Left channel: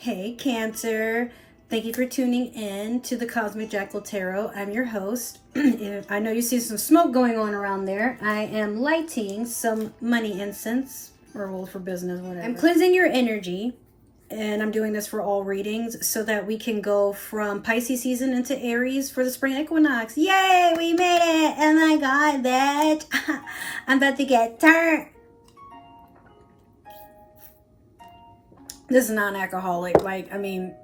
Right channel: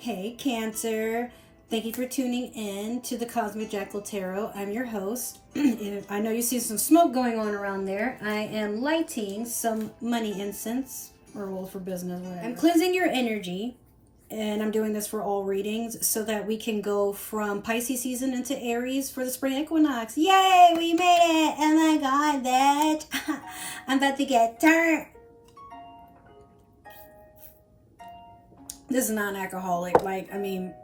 Hey Cancer, thank you for tuning in to the Cosmic Jackal Tarot. I'm your host. I know you see some smoke going on around there. I am lighting some money incense or roll for business, whatever. I'm cleansing your energy, and I'm doing this for all readings so that we can go from Pisces season into Aries for the Spring Equinox. Yay, we made it! Oh my god, bitch. I'm about to get turned. This is non-alcoholic. I'm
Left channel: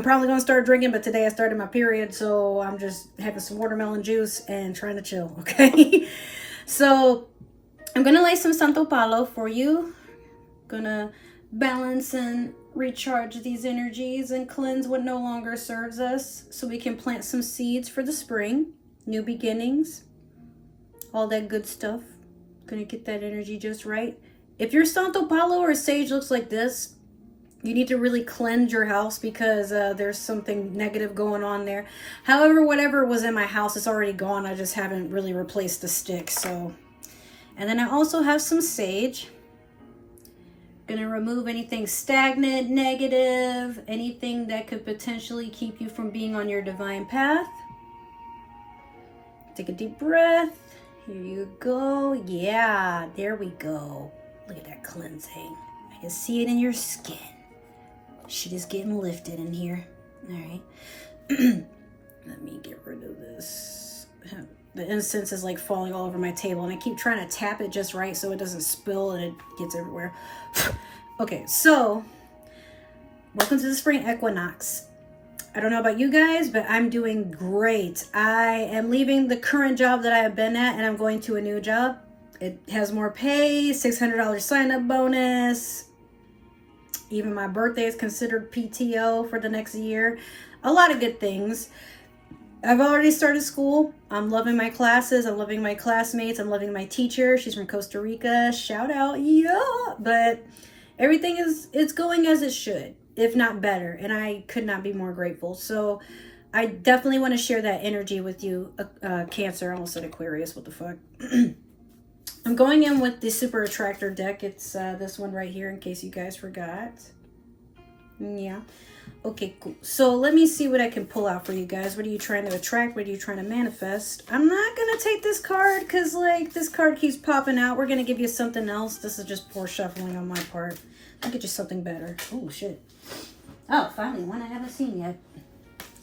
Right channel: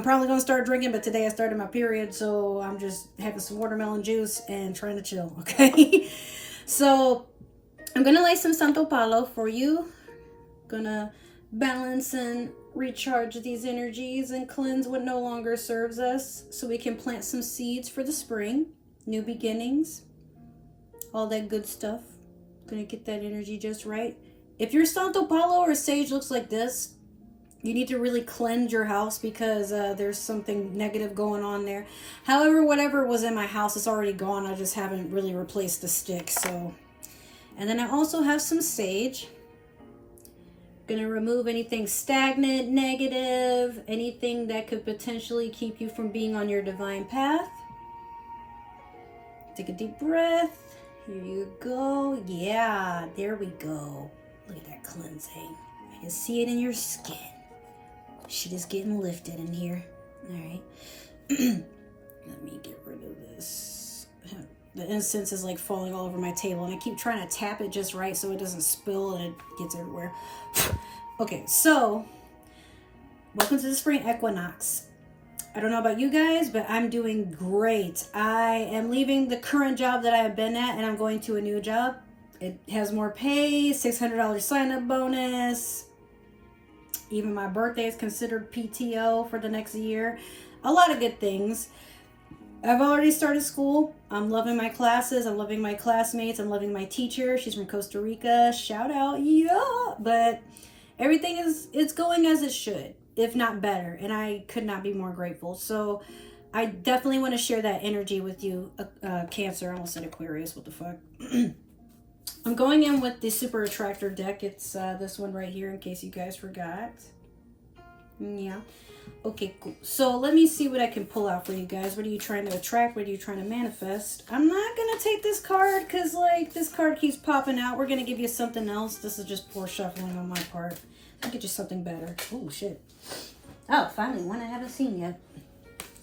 probably going to start drinking, but today I started my period, so I'm just having some watermelon juice and trying to chill, okay? So, I'm going to lay some Santo Palo for you. Going to balance and recharge these energies and cleanse what no longer serves us so we can plant some seeds for the spring. New beginnings. All that good stuff. Going to get that energy just right. If your Santo Palo or sage looks like this, you need to really cleanse your house because there's something negative going on there. However, whatever was in my house is already gone. I just haven't really replaced the sticks. So, and then I also have some sage. Gonna remove anything stagnant, negative, anything that could potentially keep you from being on your divine path. Take a deep breath. Here you go. Yeah, there we go. Look at that cleansing. I can see it in your skin. Shit is getting lifted in here. All right. Let me get rid of this. The incense is like falling all over my table, and I keep trying to tap it just right so it doesn't spill and it gets everywhere. Okay, so welcome to the Spring Equinox. I don't know about you guys, but I'm doing great. I am leaving the current job that I have been at, and I'm going to a new job. It has more pay, $600 sign-up bonus. Even my birthday is considered PTO for the next year. A lot of good things. I've already started school. I'm loving my classes. I'm loving my classmates. I'm loving my teacher. She's from Costa Rica. Shout out. Yeah. But everything it's going as it should, if not better. And I could not be more grateful. So I definitely want to share that energy with you, Cancer. I almost said Aquarius. What the fuck? I'm going in with the Super Attractor deck. It's this one right here in case you guys forgot. Yeah. Okay, cool. So let me see what I can pull out for you guys. What are you trying to attract? What are you trying to manifest? I'm not going to take this card because, like, this card keeps popping out. We're going to give you something else. This is just poor shuffling on my part. I'll get you something better. Oh, shit. Oh, finally, one I haven't seen yet.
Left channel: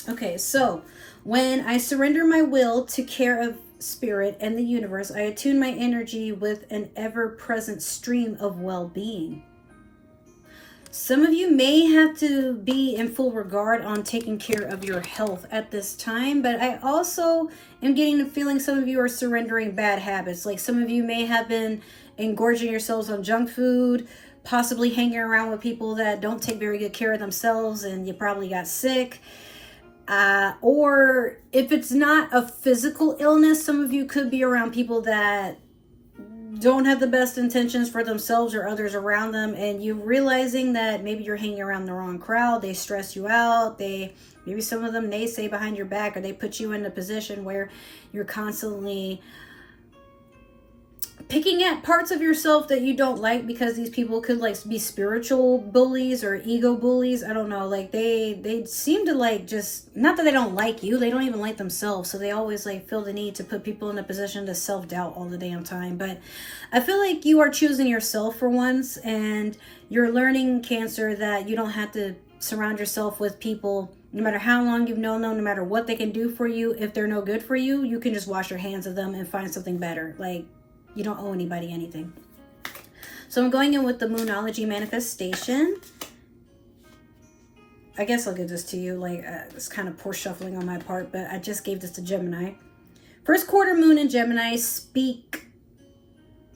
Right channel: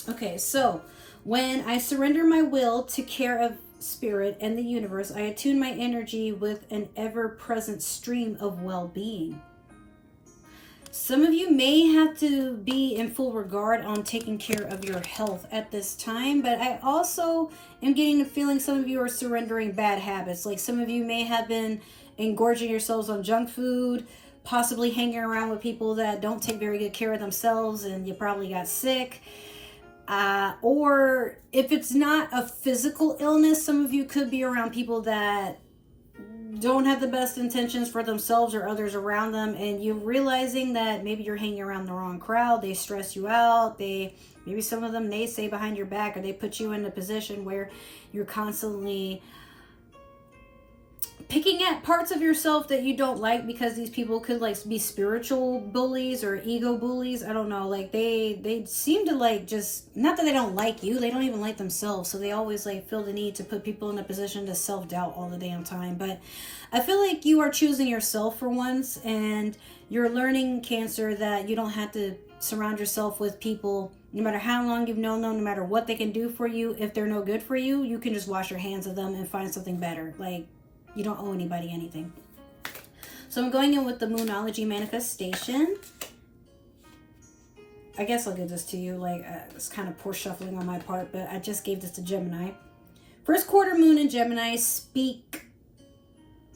Okay, so when I surrender my will to care of Spirit and the universe, I attune my energy with an ever-present stream of well-being. Some of you may have to be in full regard on taking care of your health at this time, but I also am getting the feeling some of you are surrendering bad habits. Like some of you may have been engorging yourselves on junk food, possibly hanging around with people that don't take very good care of themselves, and you probably got sick. Or if it's not a physical illness, some of you could be around people that don't have the best intentions for themselves or others around them, and you're realizing that maybe you're hanging around the wrong crowd. They stress you out. Maybe some of them naysay behind your back, or they put you in a position where you're constantly picking at parts of yourself that you don't like because these people could like be spiritual bullies or ego bullies. I don't know, like they seem to like just, not that they don't like you, they don't even like themselves, so they always like feel the need to put people in a position to self-doubt all the damn time. But I feel like you are choosing yourself for once, and you're learning, Cancer, that you don't have to surround yourself with people, no matter how long you've known them, no matter what they can do for you. If they're no good for you, you can just wash your hands of them and find something better. Like, you don't owe anybody anything. So I'm going in with the Moonology manifestation. I guess I'll give this to you. Like, it's kind of poor shuffling on my part, but I just gave this to Gemini. First quarter moon in Gemini, speak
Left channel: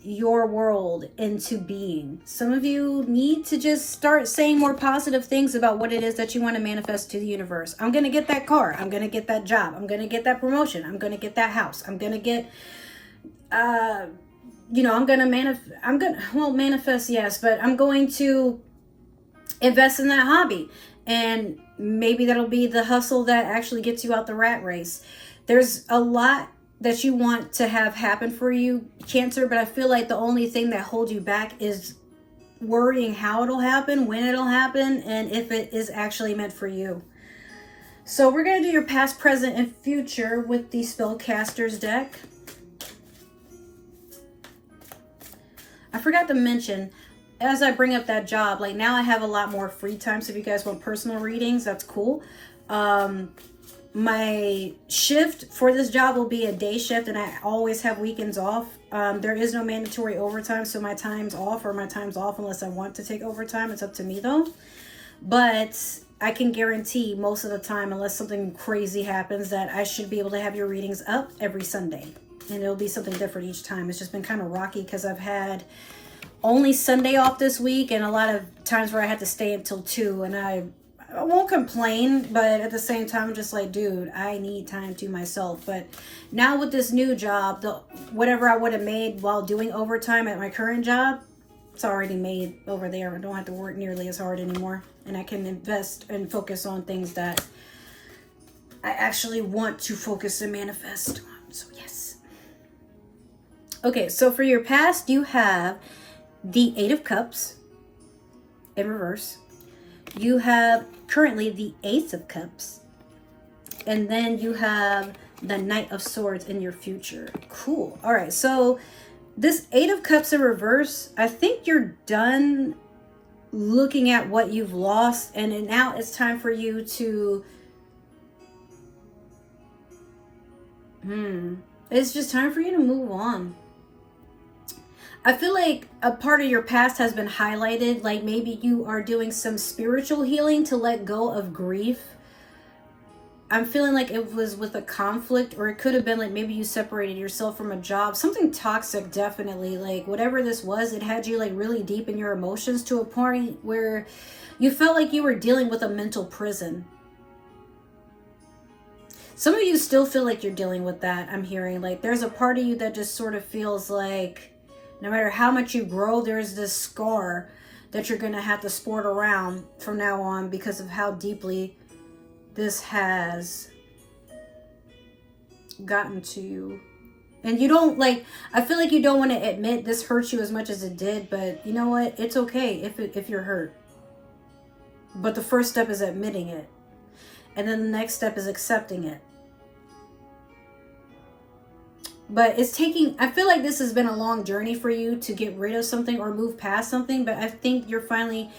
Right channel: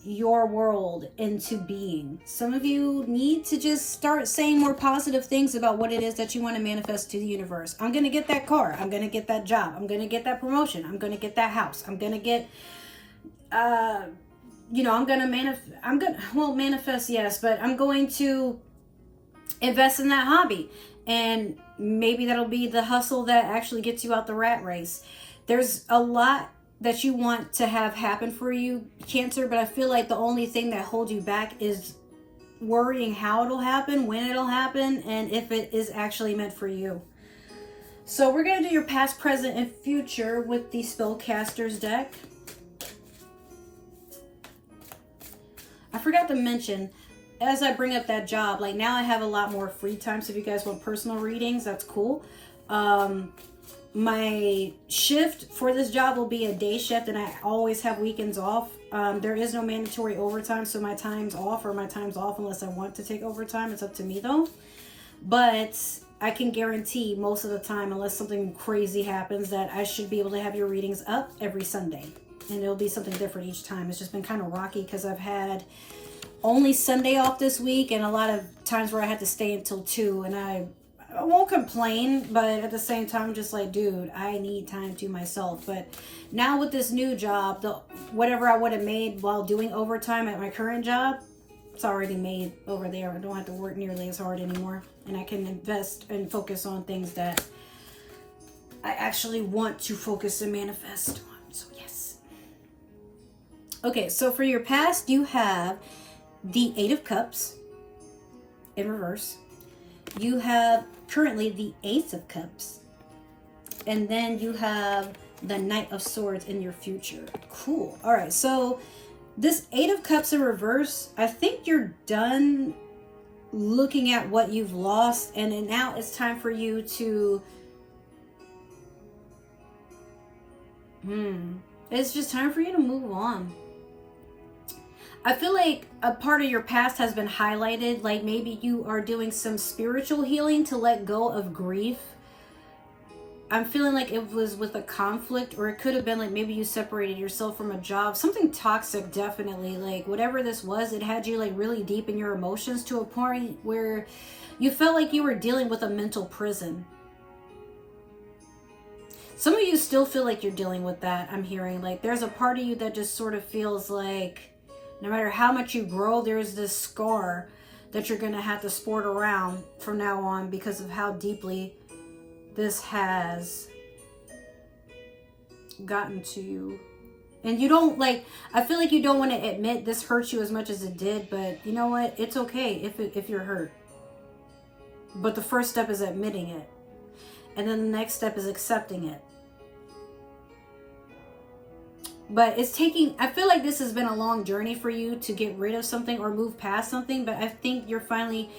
your world into being. Some of you need to just start saying more positive things about what it is that you want to manifest to the universe. I'm going to get that car. I'm going to get that job. I'm going to get that promotion. I'm going to get that house. I'm going to get... I'm going to manifest, yes, but I'm going to invest in that hobby. And maybe that'll be the hustle that actually gets you out the rat race. There's a lot that you want to have happen for you, Cancer, but I feel like the only thing that holds you back is worrying how it'll happen, when it'll happen, and if it is actually meant for you. So we're going to do your past, present, and future with the Spellcasters deck. I forgot to mention, as I bring up that job, like now I have a lot more free time. So if you guys want personal readings, that's cool. My shift for this job will be a day shift, and I always have weekends off. There is no mandatory overtime, so my time's off unless I want to take overtime. It's up to me though. But I can guarantee most of the time, unless something crazy happens, that I should be able to have your readings up every Sunday. And it'll be something different each time. It's just been kind of rocky because I've had only Sunday off this week and a lot of times where I had to stay until 2. And I won't complain, but at the same time, I'm just like, dude, I need time to myself. But now with this new job, whatever I would have made while doing overtime at my current job, it's already made over there. I don't have to work nearly as hard anymore. And I can invest and focus on things that I actually want to focus and manifest on. So yes. Okay, so for your past, you have the 8 of Cups in reverse. You have currently the Ace of Cups. And then you have the Knight of Swords in your future. Cool. All right, so this 8 of Cups in reverse, I think you're done looking at what you've lost, and then now it's time for you to it's just time for you to move on. I feel like a part of your past has been highlighted, like maybe you are doing some spiritual healing to let go of grief. I'm feeling like it was with a conflict, or it could have been like maybe you separated yourself from a job. Something toxic, definitely. Like whatever this was, it had you like really deep in your emotions to a point where you felt like you were dealing with a mental prison. Some of you still feel like you're dealing with that, I'm hearing. Like there's a part of you that just sort of feels like no matter how much you grow, there's this scar that you're going to have to sport around from now on because of how deeply this has gotten to you. And you don't like, I feel like you don't want to admit this hurt you as much as it did, but you know what? It's okay if you're hurt. But the first step is admitting it. And then the next step is accepting it. But it's taking, I feel like this has been a long journey for you to get rid of something or move past something, but I think you're finally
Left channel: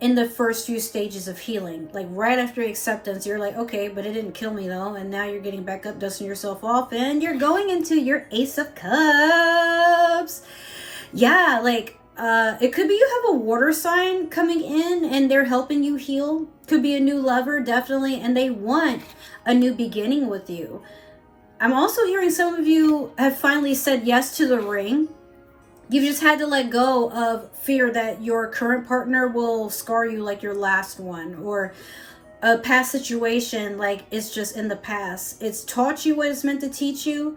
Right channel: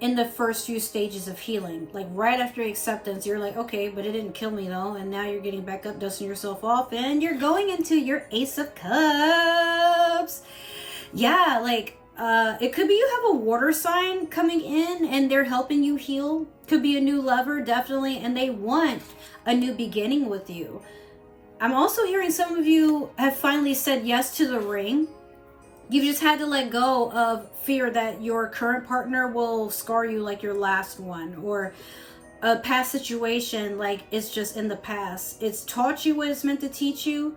in the first few stages of healing. Like right after acceptance, you're like, okay, but it didn't kill me though. And now you're getting back up, dusting yourself off, and you're going into your Ace of Cups. Yeah, like it could be you have a water sign coming in and they're helping you heal. Could be a new lover, definitely, and they want a new beginning with you. I'm also hearing some of you have finally said yes to the ring. You've just had to let go of fear that your current partner will scar you like your last one, or a past situation like it's just in the past. It's taught you what it's meant to teach you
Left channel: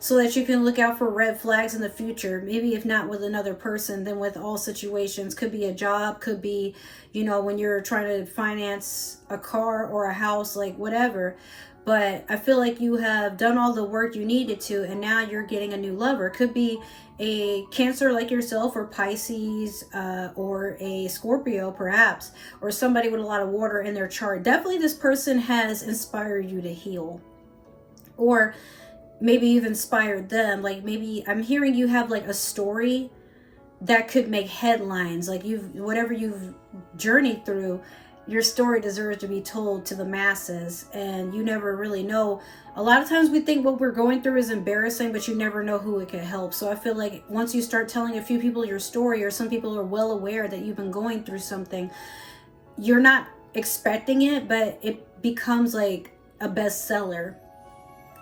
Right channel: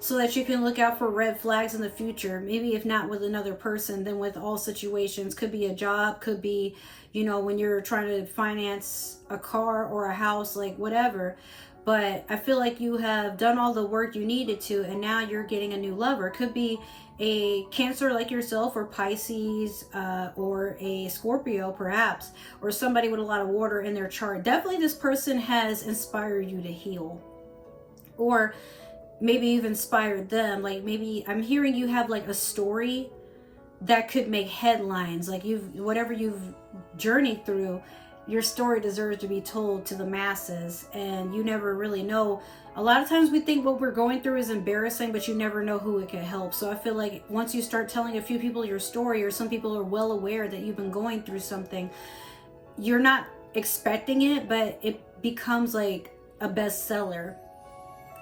so that you can look out for red flags in the future. Maybe if not with another person, then with all situations. Could be a job, could be, you know, when you're trying to finance a car or a house, like whatever. But I feel like you have done all the work you needed to, and now you're getting a new lover. Could be a Cancer like yourself, or Pisces, or a Scorpio perhaps, or somebody with a lot of water in their chart. Definitely this person has inspired you to heal, or maybe you've inspired them. Like maybe I'm hearing you have like a story that could make headlines. Like whatever you've journeyed through, your story deserves to be told to the masses, and you never really know. A lot of times we think what we're going through is embarrassing, but you never know who it can help. So I feel like once you start telling a few people your story, or some people are well aware that you've been going through something, you're not expecting it, but it becomes like a bestseller.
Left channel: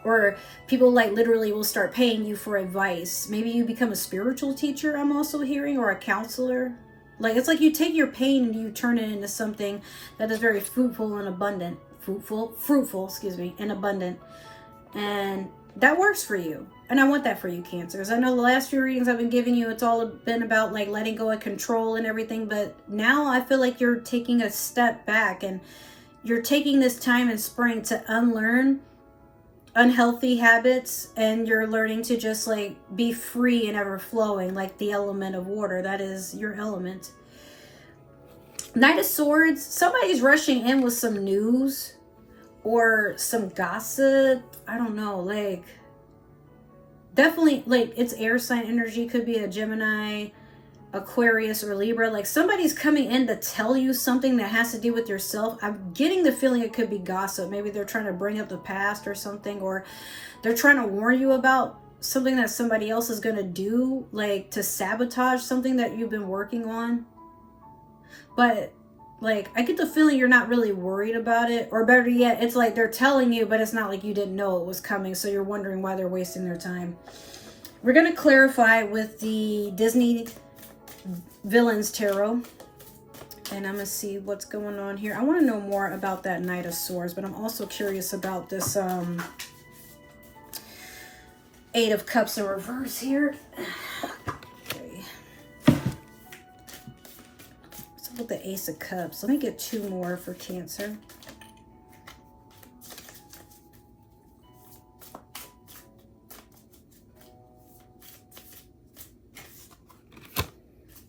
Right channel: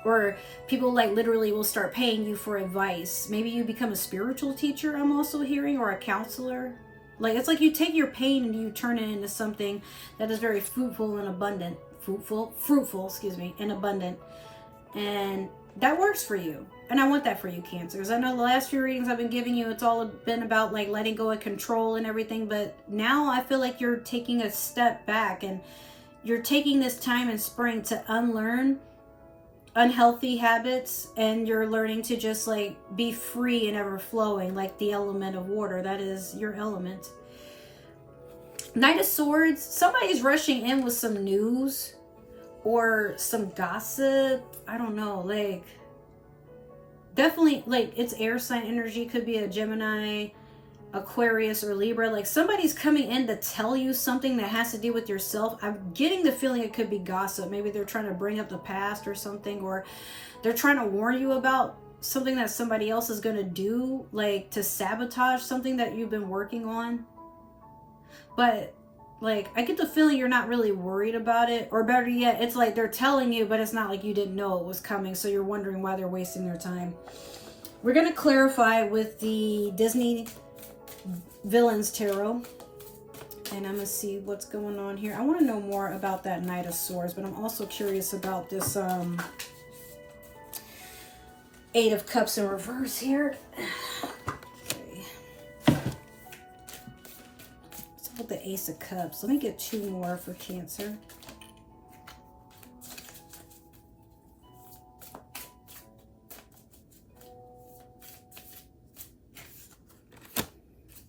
Or people like literally will start paying you for advice. Maybe you become a spiritual teacher, I'm also hearing, or a counselor. Like it's like you take your pain and you turn it into something that is very fruitful and abundant. Fruitful, and abundant. And that works for you. And I want that for you, Cancers. I know the last few readings I've been giving you, it's all been about like letting go of control and everything. But now I feel like you're taking a step back, and you're taking this time in spring to unlearn unhealthy habits, and you're learning to just like be free and ever flowing, like the element of water. That is your element. Knight of Swords, somebody's rushing in with some news or some gossip. I don't know, like, definitely, like, it's air sign energy. Could be a Gemini, Aquarius, or Libra. Like, somebody's coming in to tell you something that has to do with yourself. I'm getting the feeling it could be gossip. Maybe they're trying to bring up the past or something, or they're trying to warn you about something that somebody else is going to do, like to sabotage something that you've been working on. But like, I get the feeling you're not really worried about it, or better yet, it's like they're telling you, but it's not like you didn't know it was coming, so you're wondering why they're wasting their time. We're going to clarify with the Disney Villains Tarot, and I'm going to see what's going on here. I want to know more about that Knight of Swords, but I'm also curious about this Eight of Cups in reverse here. Okay. What's up with the Ace of Cups? Let me get two more for Cancer.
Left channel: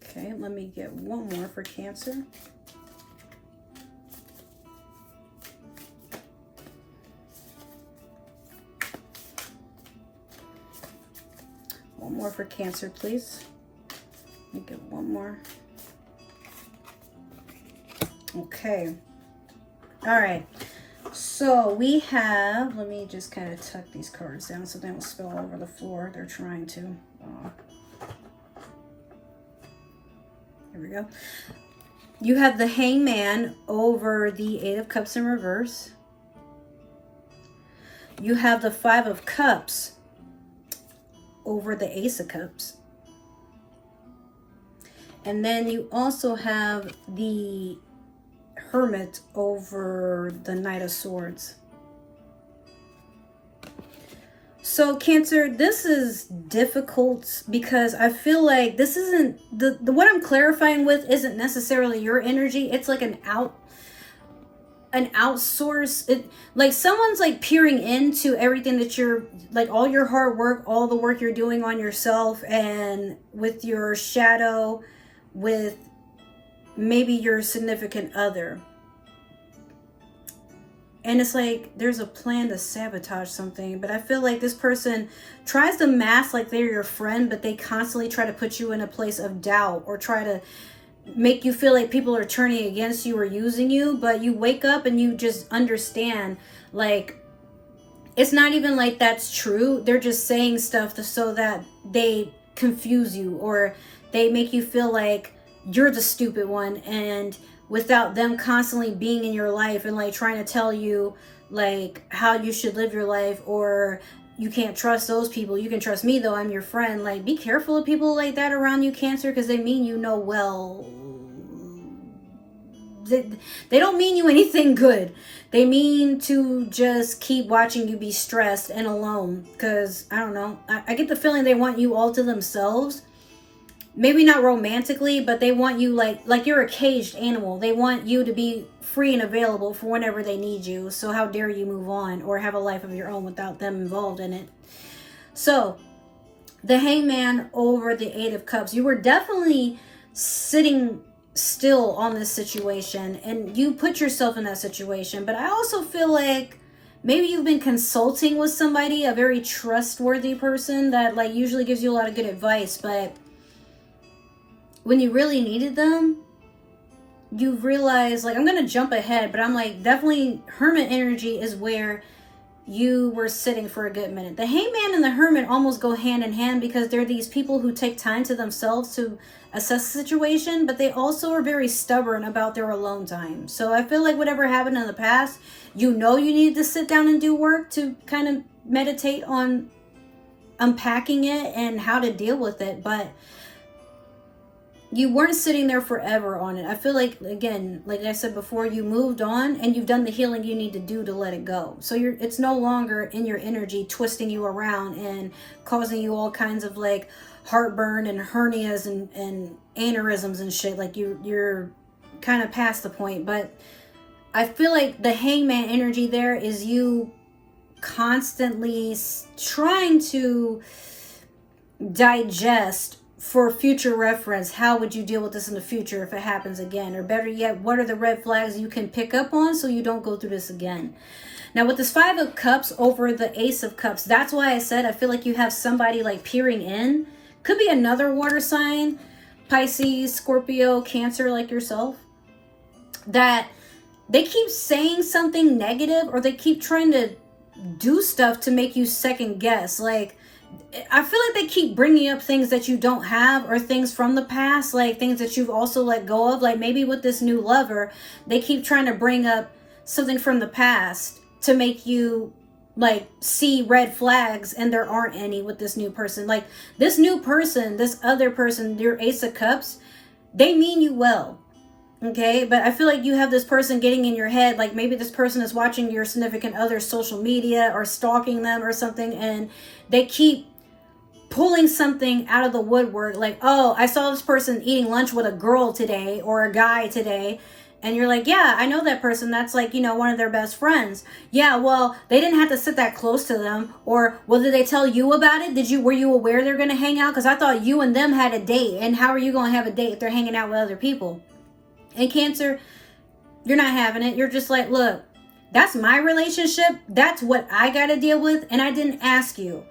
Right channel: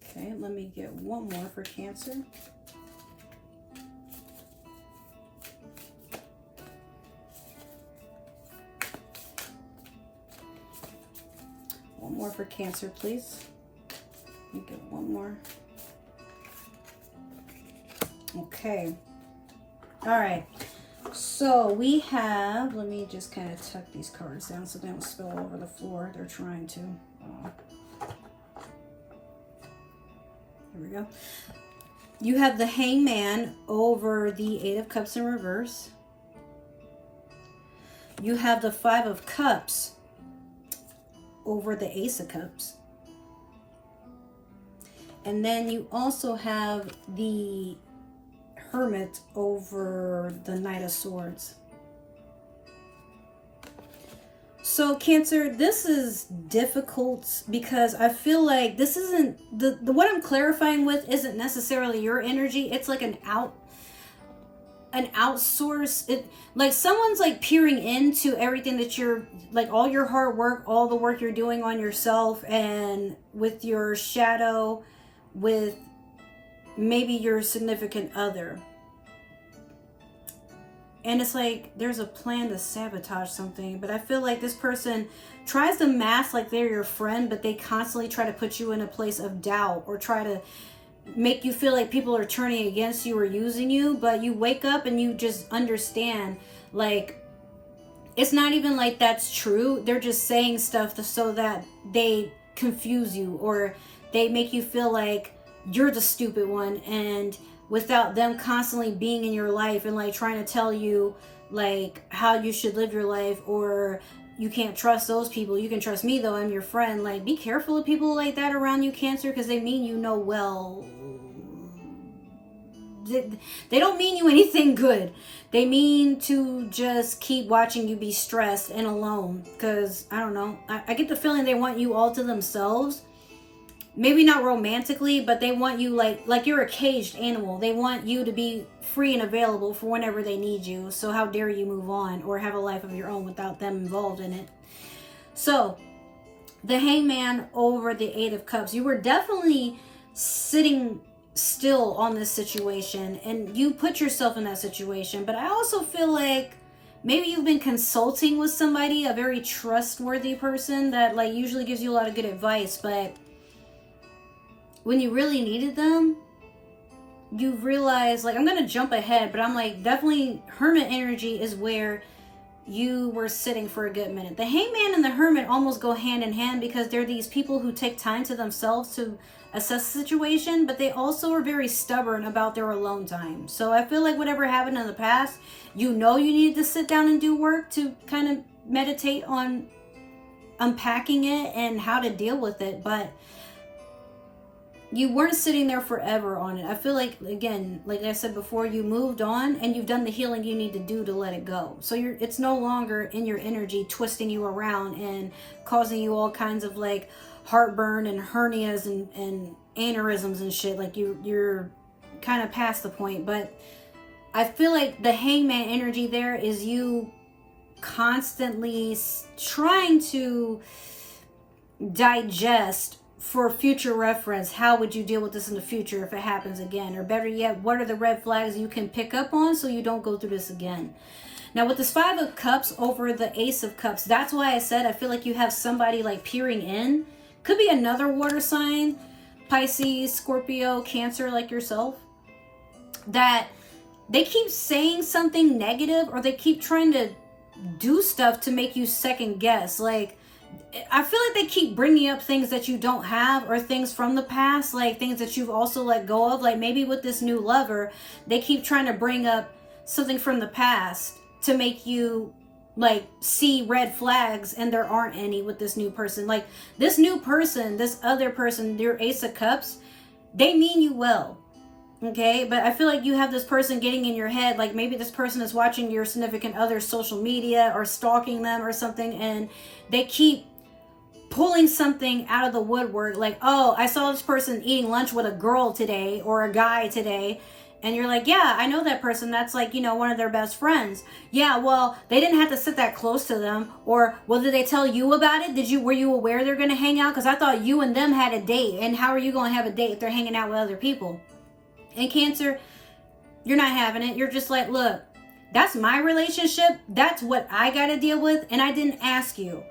Okay, let me get one more for Cancer. One more for Cancer, please. Let me get one more. Okay. All right. So we have, let me just kind of tuck these cards down so they don't spill all over the floor. They're trying to. Here we go. You have the Hangman over the Eight of Cups in reverse. You have the Five of Cups over the Ace of Cups. And then you also have the Hermit over the Knight of Swords. So Cancer, this is difficult because I feel like this isn't, the what I'm clarifying with isn't necessarily your energy. It's like an outsource. It like someone's like peering into everything that you're, like all your hard work, all the work you're doing on yourself, and with your shadow, with maybe your significant other. And it's like there's a plan to sabotage something, but I feel like this person tries to mask like they're your friend, but they constantly try to put you in a place of doubt or try to make you feel like people are turning against you or using you. But you wake up and you just understand, like, it's not even like that's true. They're just saying stuff so that they confuse you, or they make you feel like you're the stupid one, and without them constantly being in your life and like trying to tell you like how you should live your life, or you can't trust those people. You can trust me though, I'm your friend. Like, be careful of people like that around you, Cancer, because they mean you no well. They don't mean you anything good. They mean to just keep watching you be stressed and alone, because I don't know, I get the feeling they want you all to themselves. Maybe not romantically, but they want you like you're a caged animal. They want you to be free and available for whenever they need you. So how dare you move on or have a life of your own without them involved in it. So the Hangman over the Eight of Cups. You were definitely sitting still on this situation, and you put yourself in that situation. But I also feel like maybe you've been consulting with somebody, a very trustworthy person that like usually gives you a lot of good advice, but when you really needed them, you realize, like, I'm going to jump ahead, but I'm like, definitely Hermit energy is where you were sitting for a good minute. The Hangman and the Hermit almost go hand in hand, because they're these people who take time to themselves to assess the situation, but they also are very stubborn about their alone time. So I feel like whatever happened in the past, you need to sit down and do work to kind of meditate on unpacking it and how to deal with it, but you weren't sitting there forever on it. I feel like, again, like I said before, you moved on and you've done the healing you need to do to let it go. So it's no longer in your energy twisting you around and causing you all kinds of like heartburn and hernias and aneurysms and shit. Like you're kind of past the point. But I feel like the Hangman energy there is you constantly trying to digest for future reference, how would you deal with this in the future if it happens again? Or better yet, what are the red flags you can pick up on so you don't go through this again? Now with this 5 of Cups over the Ace of Cups, that's why I said I feel like you have somebody like peering in. Could be another water sign, Pisces, Scorpio, Cancer, like yourself, that they keep saying something negative, or they keep trying to do stuff to make you second guess. Like, I feel like they keep bringing up things that you don't have, or things from the past, like things that you've also let go of. Like maybe with this new lover, they keep trying to bring up something from the past to make you like see red flags, and there aren't any with this new person. Like this new person, this other person, your Ace of Cups, they mean you well. Okay, but I feel like you have this person getting in your head. Like maybe this person is watching your significant other's social media or stalking them or something, and they keep pulling something out of the woodwork. Like, oh, I saw this person eating lunch with a girl today or a guy today. And you're like, yeah, I know that person. That's like, you know, one of their best friends. Yeah, well, they didn't have to sit that close to them. Or, well, did they tell you about it? Were you aware they're going to hang out? Because I thought you and them had a date. And how are you going to have a date if they're hanging out with other people? And Cancer, you're not having it. You're just like, look, that's my relationship. That's what I got to deal with. And I didn't ask you.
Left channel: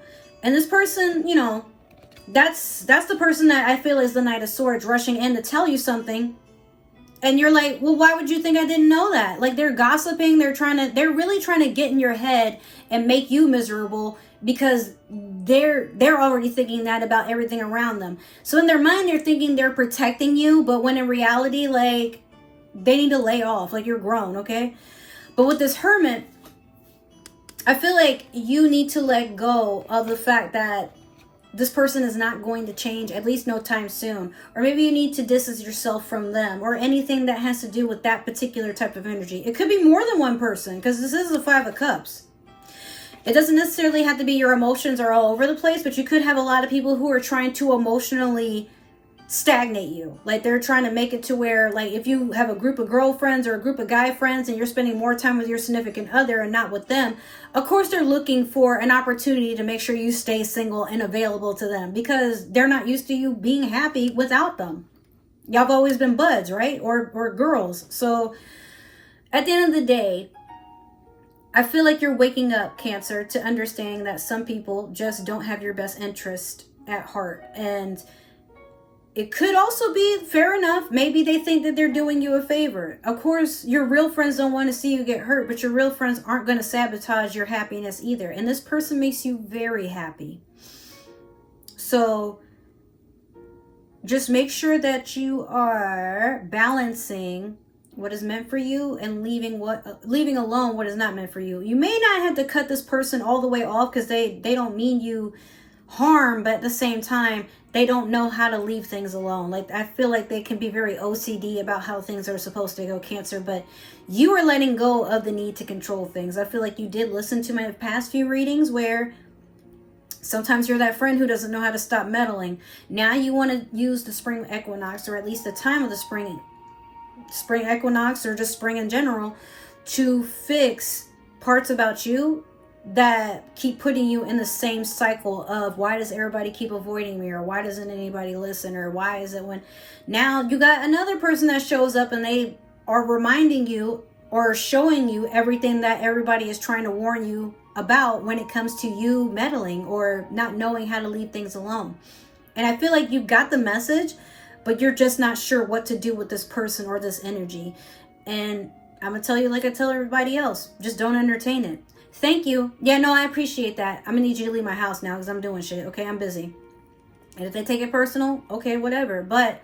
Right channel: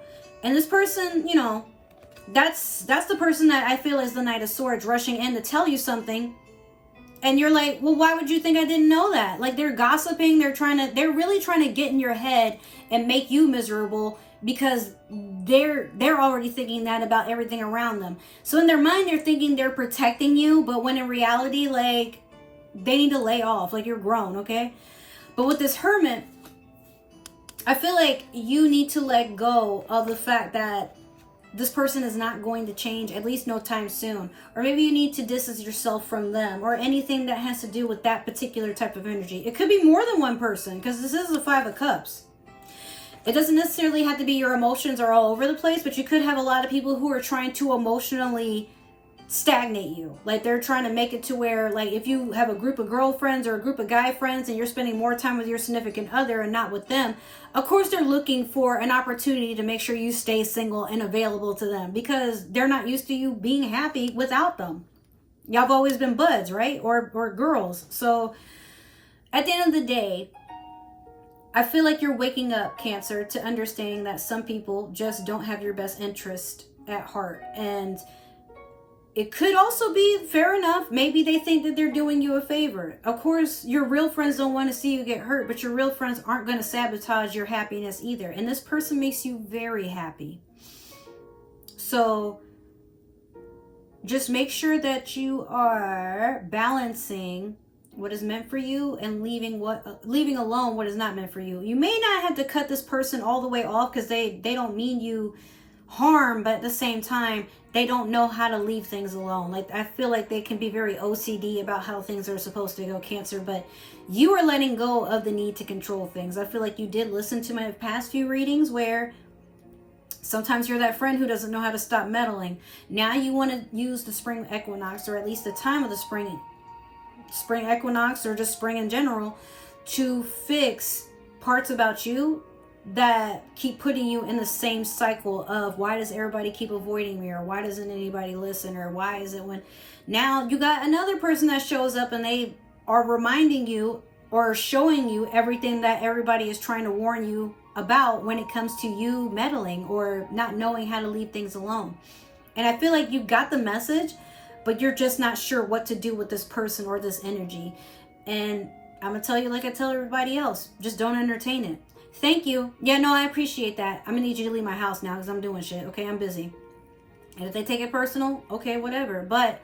And this person, you know, that's the person that I feel is the Knight of Swords, rushing in to tell you something. And you're like, well, why would you think I didn't know that? Like they're gossiping. They're really trying to get in your head and make you miserable, because they're already thinking that about everything around them. So in their mind, they're thinking they're protecting you, but when in reality, like they need to lay off. Like you're grown, okay? But with this Hermit, I feel like you need to let go of the fact that this person is not going to change, at least no time soon. Or maybe you need to distance yourself from them, or anything that has to do with that particular type of energy. It could be more than one person, because this is the 5 of Cups. It doesn't necessarily have to be your emotions are all over the place, but you could have a lot of people who are trying to emotionally stagnate you. Like they're trying to make it to where, like if you have a group of girlfriends or a group of guy friends and you're spending more time with your significant other and not with them, of course they're looking for an opportunity to make sure you stay single and available to them, because they're not used to you being happy without them. Y'all have always been buds, right? Or girls. So at the end of the day, I feel like you're waking up, Cancer, to understanding that some people just don't have your best interest at heart. And it could also be, fair enough, maybe they think that they're doing you a favor. Of course, your real friends don't want to see you get hurt, but your real friends aren't going to sabotage your happiness either. And this person makes you very happy. So just make sure that you are balancing what is meant for you and leaving alone what is not meant for you. You may not have to cut this person all the way off, because they don't mean you harm, but at the same time, they don't know how to leave things alone. Like I feel like they can be very OCD about how things are supposed to go, Cancer, but you are letting go of the need to control things. I feel like you did listen to my past few readings where sometimes you're that friend who doesn't know how to stop meddling. Now you want to use the Spring Equinox, or at least the time of the Spring Equinox, or just spring in general, to fix parts about you that keep putting you in the same cycle of, why does everybody keep avoiding me, or why doesn't anybody listen, or why is it when now you got another person that shows up and they are reminding you or showing you everything that everybody is trying to warn you about when it comes to you meddling or not knowing how to leave things alone. And I feel like you got the message, but you're just not sure what to do with this person or this energy. And I'm gonna tell you, like I tell everybody else, just don't entertain it. Thank you. Yeah, no, I appreciate that. I'm gonna need you to leave my house now, because I'm doing shit. Okay, I'm busy. And if they take it personal, okay, whatever. But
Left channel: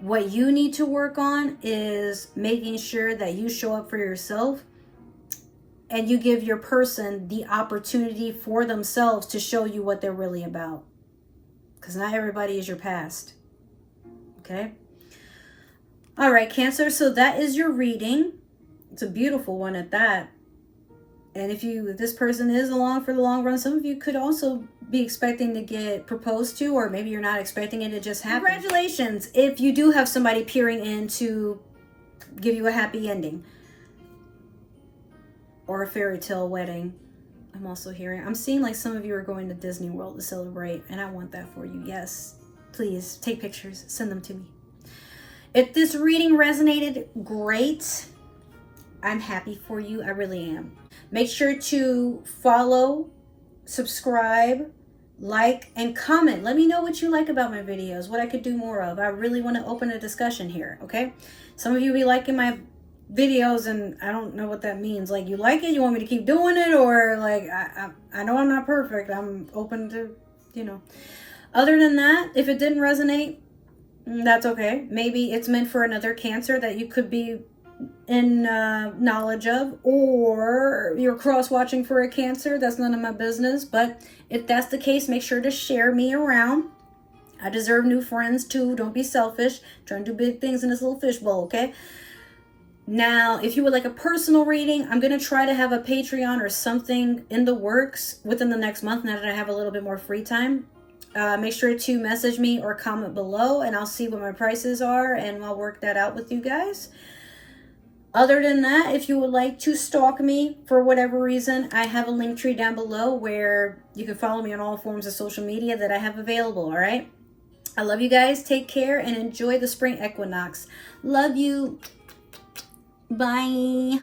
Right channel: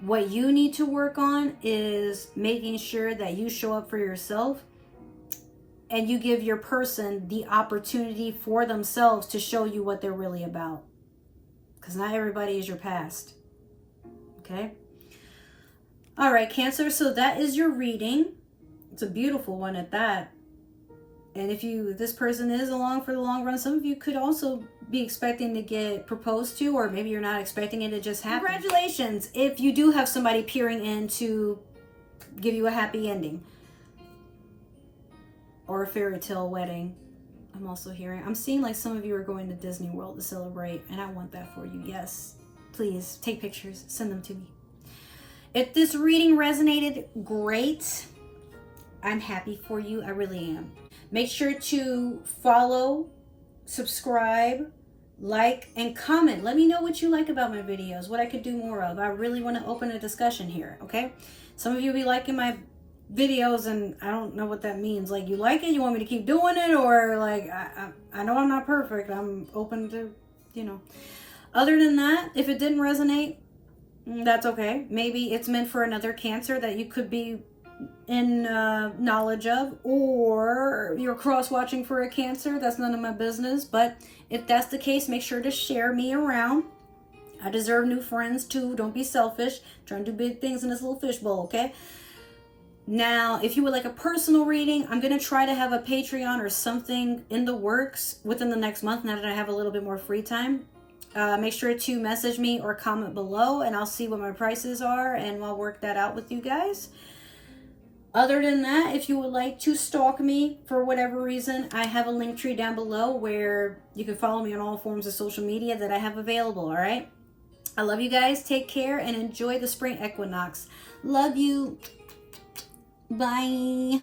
what you need to work on is making sure that you show up for yourself, and you give your person the opportunity for themselves to show you what they're really about. Because not everybody is your past. Okay? All right, Cancer. So that is your reading. It's a beautiful one at that. And if this person is along for the long run, some of you could also be expecting to get proposed to, or maybe you're not expecting it to just happen. Congratulations if you do have somebody peering in to give you a happy ending. Or a fairy tale wedding. I'm also hearing, I'm seeing like some of you are going to Disney World to celebrate, and I want that for you. Yes, please take pictures, send them to me. If this reading resonated, great. I'm happy for you. I really am. Make sure to follow, subscribe, like, and comment. Let me know what you like about my videos, what I could do more of. I really want to open a discussion here, okay? Some of you be liking my videos, and I don't know what that means. Like, you like it? You want me to keep doing it? Or, like, I know I'm not perfect. I'm open to, you know. Other than that, if it didn't resonate, that's okay. Maybe it's meant for another Cancer that you could be in knowledge of, or you're cross-watching for a Cancer. That's none of my business. But if that's the case, make sure to share me around. I deserve new friends too. Don't be selfish. Trying to do big things in this little fishbowl, okay? Now, if you would like a personal reading, I'm going to try to have a Patreon or something in the works within the next month, now that I have a little bit more free time. Make sure to message me or comment below, and I'll see what my prices are, and I'll work that out with you guys. Other than that, if you would like to stalk me for whatever reason, I have a link tree down below where you can follow me on all forms of social media that I have available, all right? I love you guys. Take care and enjoy the spring equinox. Love you. Bye.